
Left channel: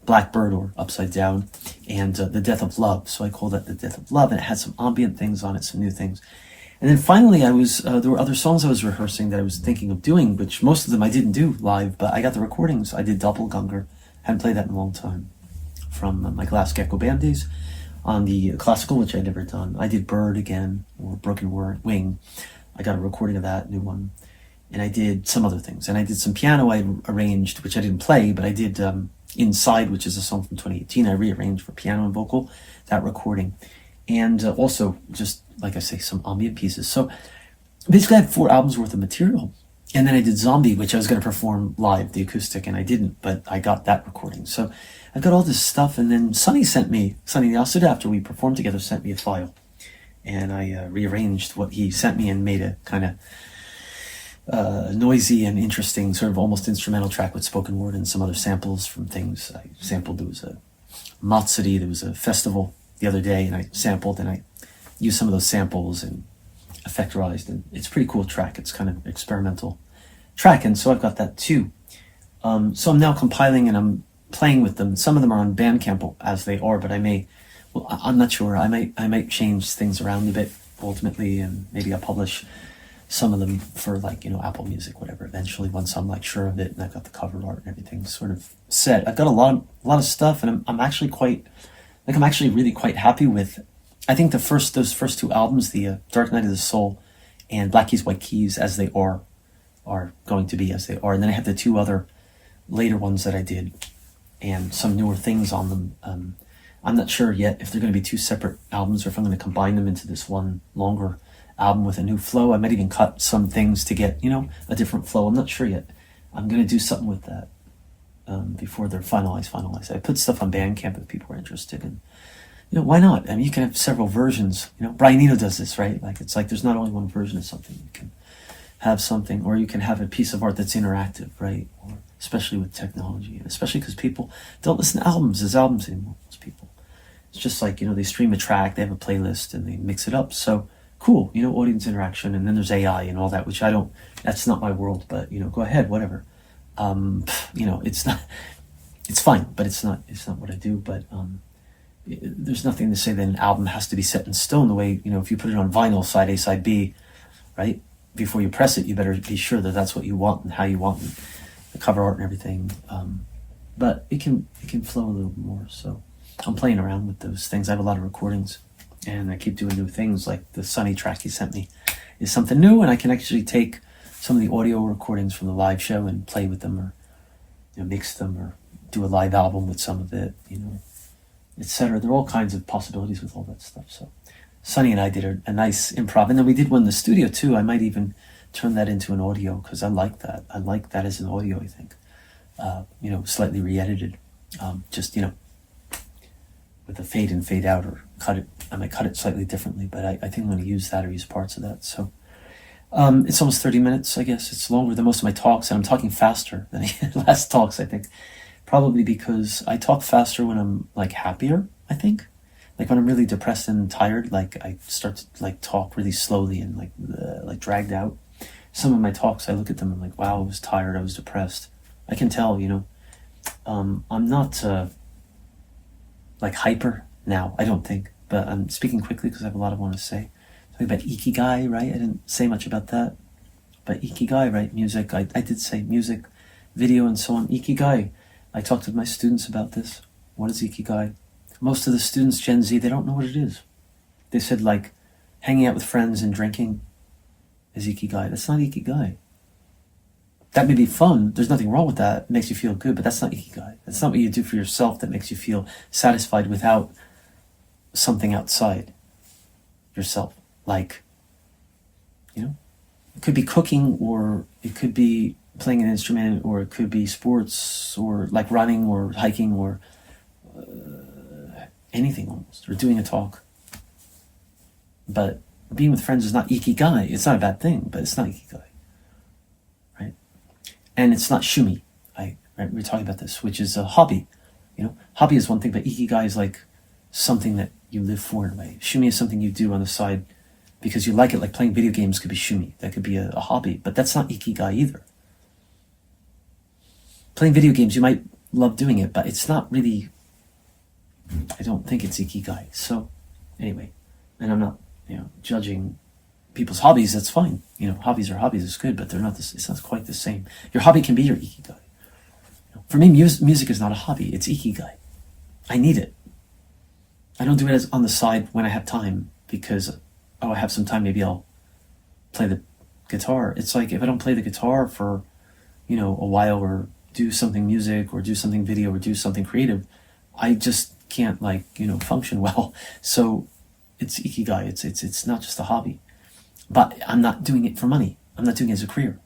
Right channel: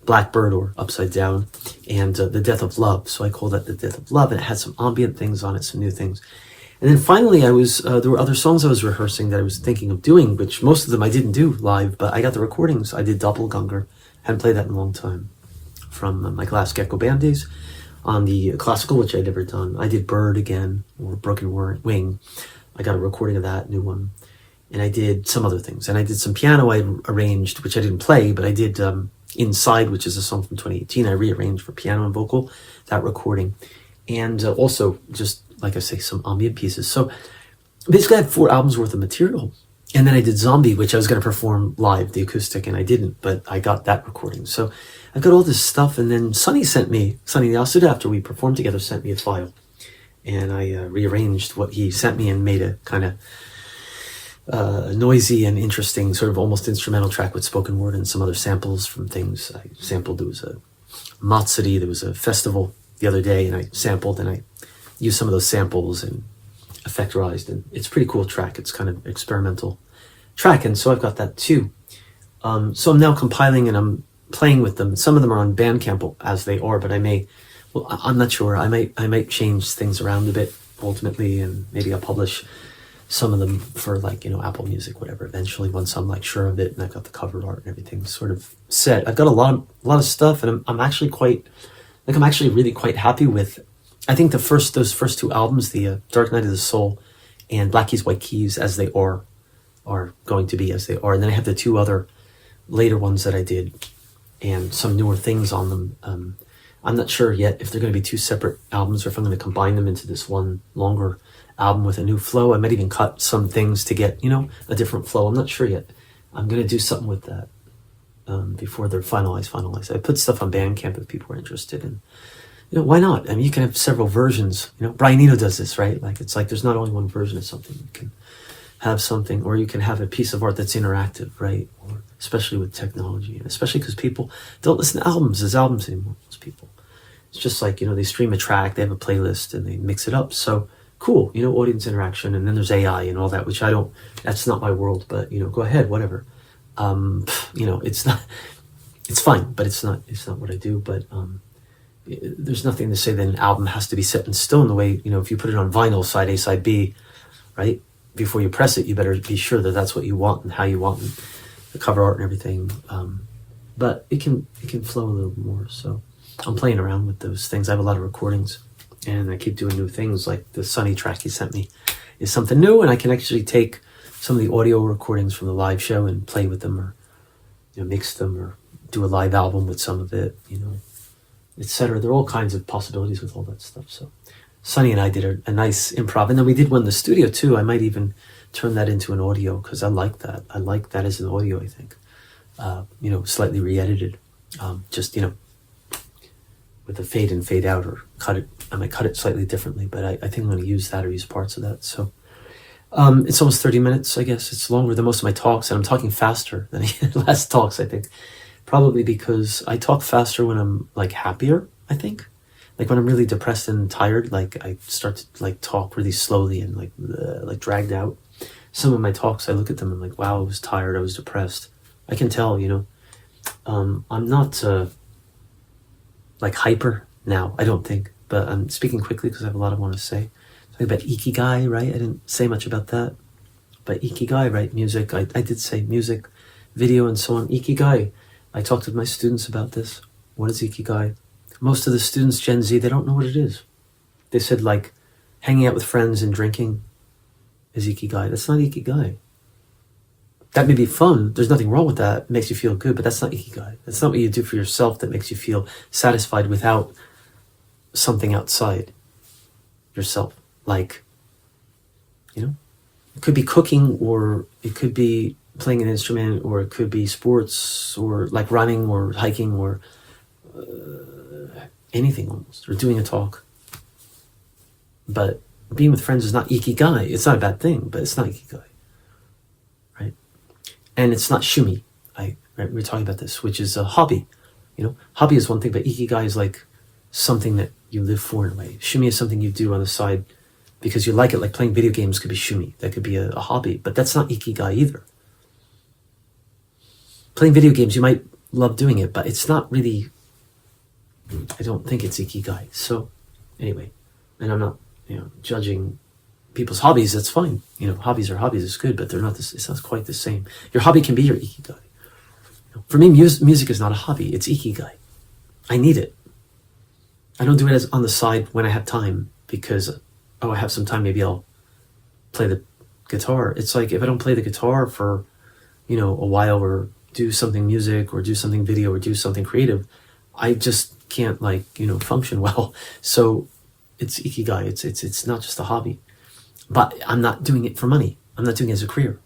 Blackbird or Upside Down and The Death of Love. So I called that The Death of Love, and it had some ambient things on it, some new things. And then finally there were other songs I was rehearsing that I was thinking of doing, which most of them I didn't do live, but I got the recordings. I did Doppelganger, hadn't played that in a long time, from my Glass Gecko band days. On the classical, which I'd never done, I did Bird again, or Broken Wing. I got a recording of that, new one. And I did some other things. And I did some piano I arranged, which I didn't play, but I did Inside, which is a song from 2018. I rearranged for piano and vocal, that recording. And also, just like I say, some ambient pieces. So basically I had 4 albums worth of material. And then I did Zombie, which I was going to perform live, the acoustic, and I didn't, but I got that recording. So I've got all this stuff, and then Sonny Yasuda, after we performed together, sent me a file. And I rearranged what he sent me and made a kind of noisy and interesting, sort of almost instrumental track with spoken word and some other samples from things I sampled. There was a Matsuri, there was a festival the other day, and I sampled, and I used some of those samples and effectorized, and it's a pretty cool track. It's kind of experimental track, and so I've got that too. So I'm now compiling and I'm playing with them. Some of them are on Bandcamp as they are, but I'm not sure. I might change things around a bit ultimately, and maybe I'll publish some of them for Apple Music, whatever, eventually, once I'm sure of it and I've got the cover art and everything sort of set. I've got a lot of stuff, and I'm actually really quite happy with, I think those first 2 albums, the Dark Night of the Soul and Black Keys, White Keys, as they are going to be as they are. And then I have the 2 other later ones that I did and some newer things on them. I'm not sure yet if they're going to be 2 separate albums or if I'm going to combine them into this one longer album with a new flow. I might even cut some things to get, a different flow. I'm not sure yet. I'm going to do something with that before they're finalized. I put stuff on Bandcamp if people are interested, and why not? I mean, you can have several versions. Brian Eno does this, right? It's like there's not only one version of something. You can have something, or you can have a piece of art that's interactive, right? Or especially with technology, and especially because people don't listen to albums as albums anymore. Most people, it's just like they stream a track, they have a playlist, and they mix it up. So cool, audience interaction, and then there's AI and all that, which I don't. That's not my world, but go ahead, whatever. It's not. It's fine, but it's not what I do. But there's nothing to say that an album has to be set in stone. The way if you put it on vinyl, side A, side B, right? Before you press it, you better be sure that that's what you want and how you want, and the cover art and everything. But it can flow a little more. So I'm playing around with those things. I have a lot of recordings, and I keep doing new things. Like the Sunny track he sent me is something new, and I can actually take some of the audio recordings from the live show and play with them, or mix them, or do a live album with some of it, etc. There are all kinds of possibilities with all that stuff. So Sonny and I did a nice improv, and then we did one in the studio too. I might even turn that into an audio, because I like that. I like that as an audio, I think. Slightly re-edited, just with a fade in, fade out, or cut it. I might cut it slightly differently, but I think I'm going to use that or use parts of that. So it's almost 30 minutes, I guess. It's longer than most of my talks, and I'm talking faster than last talks, I think. Probably because I talk faster when I'm happier, I think. When I'm really depressed and tired, I start to talk really slowly and dragged out. Some of my talks, I look at them and I'm wow, I was tired, I was depressed. I can tell, I'm not hyper now, I don't think, but I'm speaking quickly because I have a lot I want to say. Talking about Ikigai, right? I didn't say much about that, but Ikigai, right? Music, I did say music, video, and so on. Ikigai, I talked to my students about this. What is Ikigai? Most of the students, Gen Z, they don't know what it is. They said hanging out with friends and drinking is Ikigai. That's not Ikigai. That may be fun. There's nothing wrong with that. It makes you feel good, but that's not Ikigai. That's not what you do for yourself that makes you feel satisfied without something outside yourself. It could be cooking, or it could be playing an instrument, or it could be sports, or running or hiking, or anything almost, or doing a talk. But being with friends is not Ikigai. It's not a bad thing, but it's not Ikigai. And it's not shumi. Right, we were talking about this, which is a hobby. Hobby is one thing, but ikigai is like something that you live for in a way. Shumi is something you do on the side because you like it. Like playing video games could be shumi. That could be a hobby, but that's not ikigai either. Playing video games, you might love doing it, but it's not really, I don't think it's ikigai. So anyway, and I'm not, judging people's hobbies. That's fine. Hobbies are hobbies. It's good, but they're not this. It's not quite the same. Your hobby can be your ikigai. For me, music is not a hobby. It's ikigai. I need it. I don't do it as on the side when I have time because, I have some time. Maybe I'll play the guitar. It's like if I don't play the guitar for, a while or do something music or do something video or do something creative, I just can't function well. So it's ikigai. It's not just a hobby, but I'm not doing it for money. I'm not doing it as a career.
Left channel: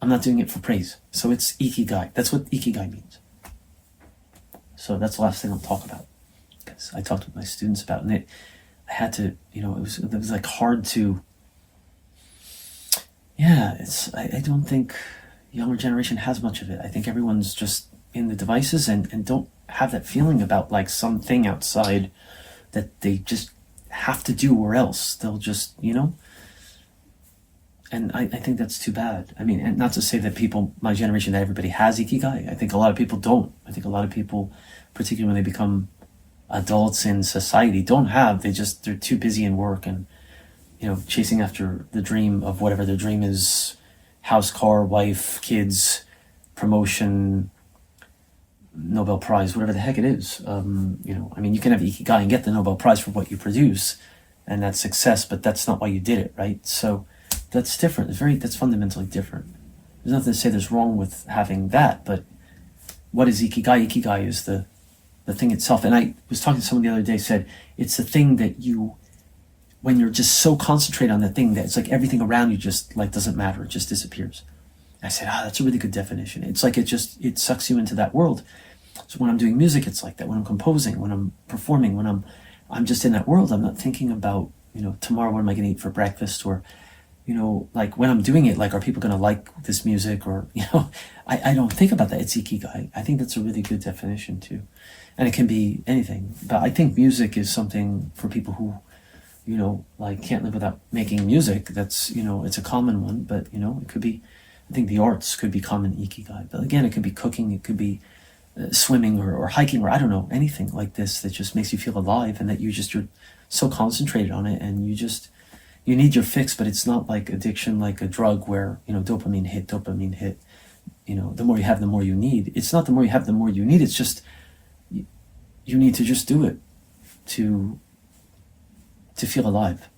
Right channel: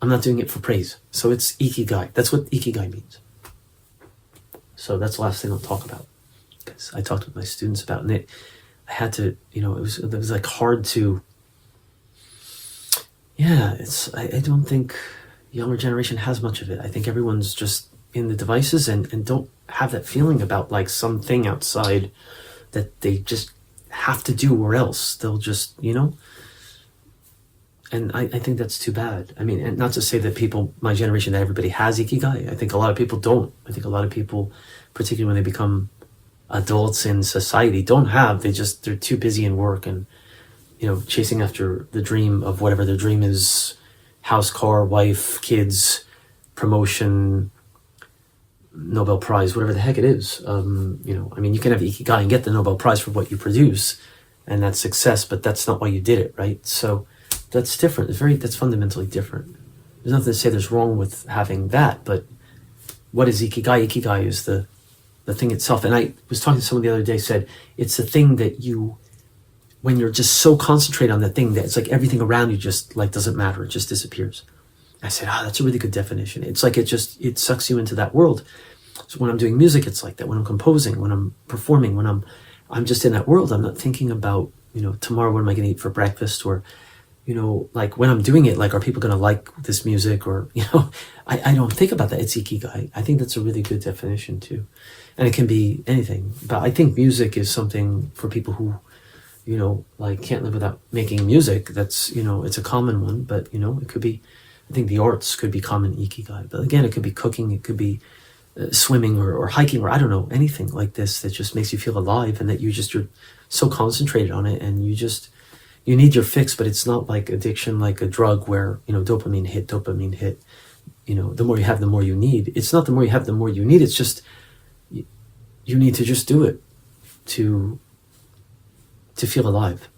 I'm not doing it for praise. So it's ikigai. That's what ikigai means. So that's the last thing I'll talk about because I talked with my students about it. I had to, it was like hard to, I don't think younger generation has much of it. I think everyone's just in the devices and don't have that feeling about like something outside that they just have to do or else they'll just, and I think that's too bad. I mean, and not to say that people, my generation, that everybody has ikigai. I think a lot of people don't. I think a lot of people, particularly when they become adults in society, don't have. They're too busy in work and, chasing after the dream of whatever their dream is, house, car, wife, kids, promotion, Nobel Prize, whatever the heck it is. You can have ikigai and get the Nobel Prize for what you produce, and that's success, but that's not why you did it, right? So that's different. That's fundamentally different. There's nothing to say there's wrong with having that, but what is ikigai? Ikigai is the thing itself. And I was talking to someone the other day, said it's the thing that when you're just so concentrated on that thing that it's like everything around you just like doesn't matter. It just disappears. I said, that's a really good definition. It's like it sucks you into that world. So when I'm doing music, it's like that. When I'm composing, when I'm performing, when I'm just in that world, I'm not thinking about, tomorrow what am I going to eat for breakfast, or, like when I'm doing it, like, are people going to like this music, or, I don't think about that. It's ikigai. I think that's a really good definition too. And it can be anything, but I think music is something for people who, can't live without making music. That's, it's a common one, but, it could be, I think the arts could be common ikigai. But again, it could be cooking, it could be swimming or hiking, or I don't know, anything like this that just makes you feel alive, and that you're so concentrated on it, and you need your fix, but it's not like addiction, like a drug where, dopamine hit. The more you have, the more you need. It's not the more you have, the more you need. It's just, you need to just do it to feel alive.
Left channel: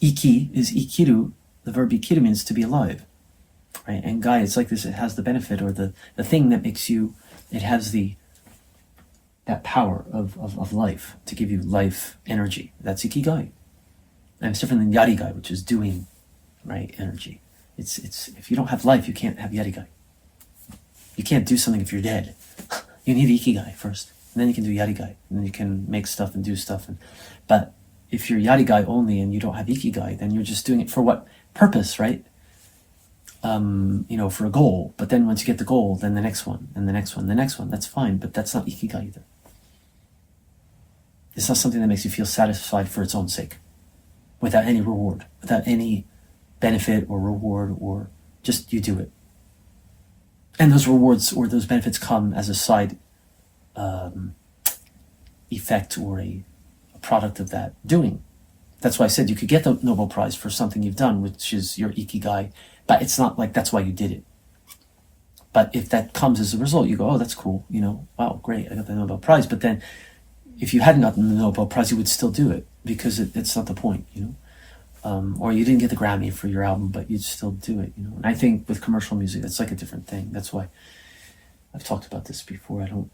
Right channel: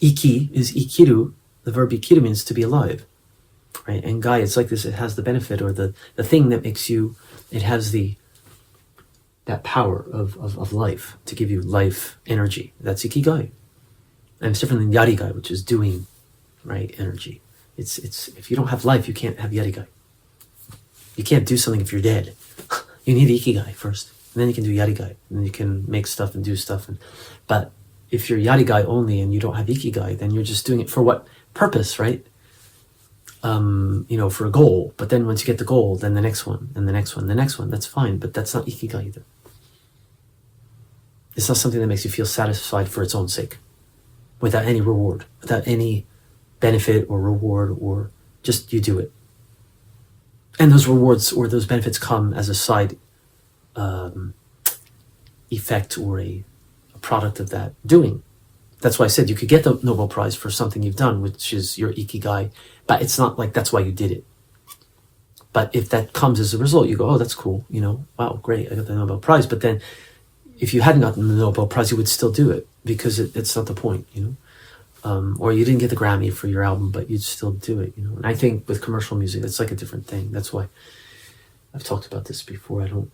Iki is ikiru. The verb ikiru means to be alive, right? And gai, it's like this. It has the benefit, or the thing that makes you. It has that power of life to give you life energy. That's ikigai, and it's different than yarigai, which is doing, right? Energy. It's if you don't have life, you can't have yarigai. You can't do something if you're dead. You need ikigai first, and then you can do yarigai, and then you can make stuff and do stuff. But if you're yarigai only and you don't have ikigai, then you're just doing it for what purpose, right? For a goal. But then once you get the goal, then the next one, and the next one, the next one, that's fine. But that's not ikigai either. It's not something that makes you feel satisfied for its own sake, without any reward, without any benefit or reward, or just you do it. And those rewards or those benefits come as a side effect or a product of that doing. That's why I said you could get the Nobel Prize for something you've done, which is your ikigai, but it's not like that's why you did it. But if that comes as a result, you go, oh, that's cool, wow, great, I got the Nobel Prize. But then if you hadn't gotten the Nobel Prize, you would still do it because it's not the point, or you didn't get the Grammy for your album, but you'd still do it, And I think with commercial music, that's like a different thing. That's why I've talked about this before. I don't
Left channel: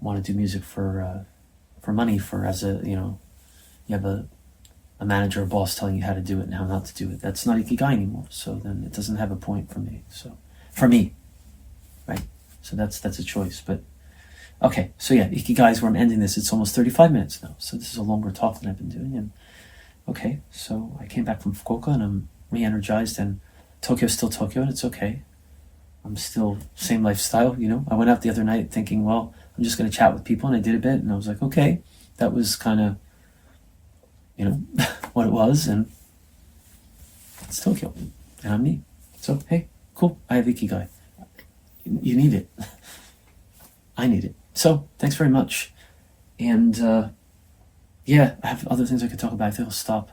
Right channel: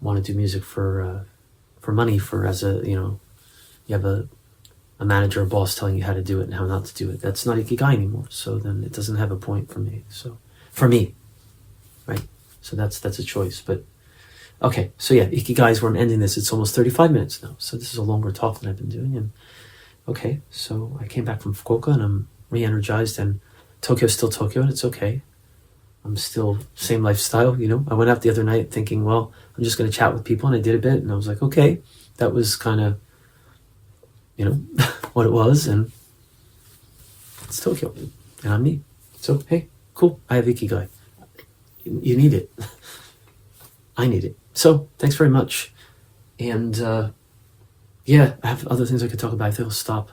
want to do music for money, you have a manager or boss telling you how to do it and how not to do it. That's not ikigai anymore. So then it doesn't have a point for me. So for me, right? So that's a choice. But okay, so yeah, ikigai is where I'm ending this. It's almost 35 minutes now. So this is a longer talk than I've been doing. And okay, so I came back from Fukuoka and I'm re-energized, and Tokyo's still Tokyo, and it's okay. I'm still same lifestyle, you know. I went out the other night thinking, well, I'm just going to chat with people, and I did a bit, and I was like, okay, that was kind of, you know, what it was, and it's Tokyo, and I'm me. So hey, cool. I have Ikigai. You need it. I need it. So thanks very much. And yeah, I have other things I could talk about. I think I'll stop.